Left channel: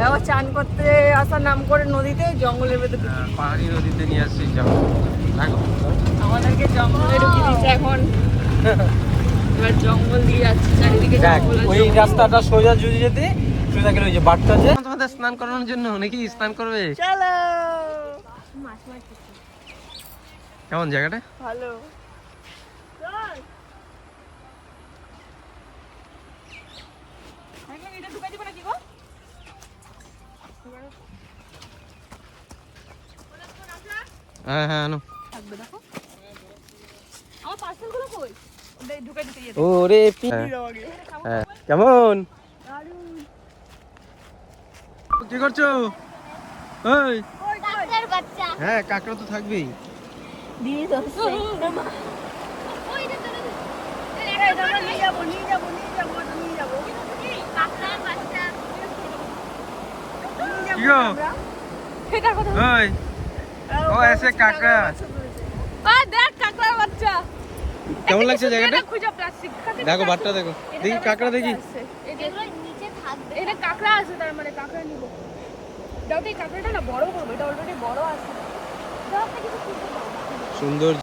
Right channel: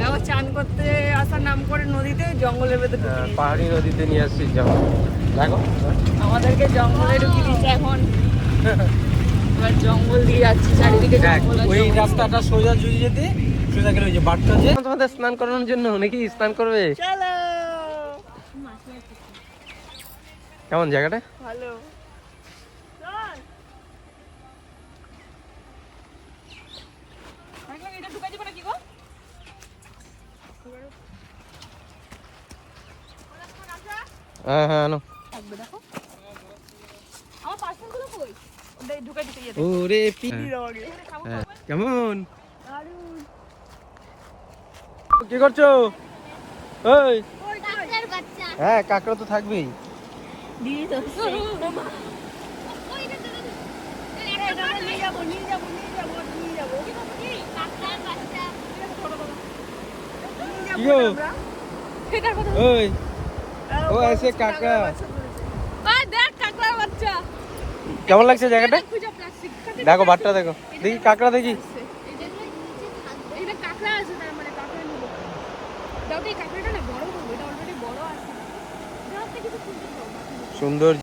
দেখো চান করতে আসার নাম করে নদীতে জঙ্গলের ভেতরে পাহাড়ি নদীতে নিয়ে আসছি জঙ্গলে ঢুকিয়ে দিচ্ছে এখন। এবার জঙ্গল দিয়ে যাচ্ছি, চারিদিকে জঙ্গল। ওই রাস্তাটা সোজা যদি যেতে সোজা গেলে ওই যে বাটটা যে তোমাদের স্নান করানোর জন্য নাকি স্নান করবে। চলো। কেমন জায়গাটা? ভালো। এটা ঢুকাই দিব নাকি গো? হ্যাঁ হ্যাঁ আনো। থাকবে দেখো। আমার পার্সেলগুলো কই? ওটা ঢুকাই দিতে গিয়ে। ওরে হ্যাঁ কেমন কি করছো? ওই কাকড়ার বাচ্চা। হ্যাঁ কাকড়া তো থাকবেই। দিয়ে দাও। ওই এটা নিয়ে যাবো কাকড়ার বাচ্চা। কি গো? এটা কথা ওই ও এসে কাকড়া। ওই দেখ কাকড়ার বাচ্চা। কেমন লাগছে জায়গাটা? খুঁজো প্লাস্টিক। দেখো বাটটা দেখো, দেখি কাকড়া দেখি। এটা কাকড়া আছে, তার মানে কাকড়া নিব। দাও তো এই কাকড়াটা না বড় করবে, এটা অলরেডি বড় আছে। সুন্দর।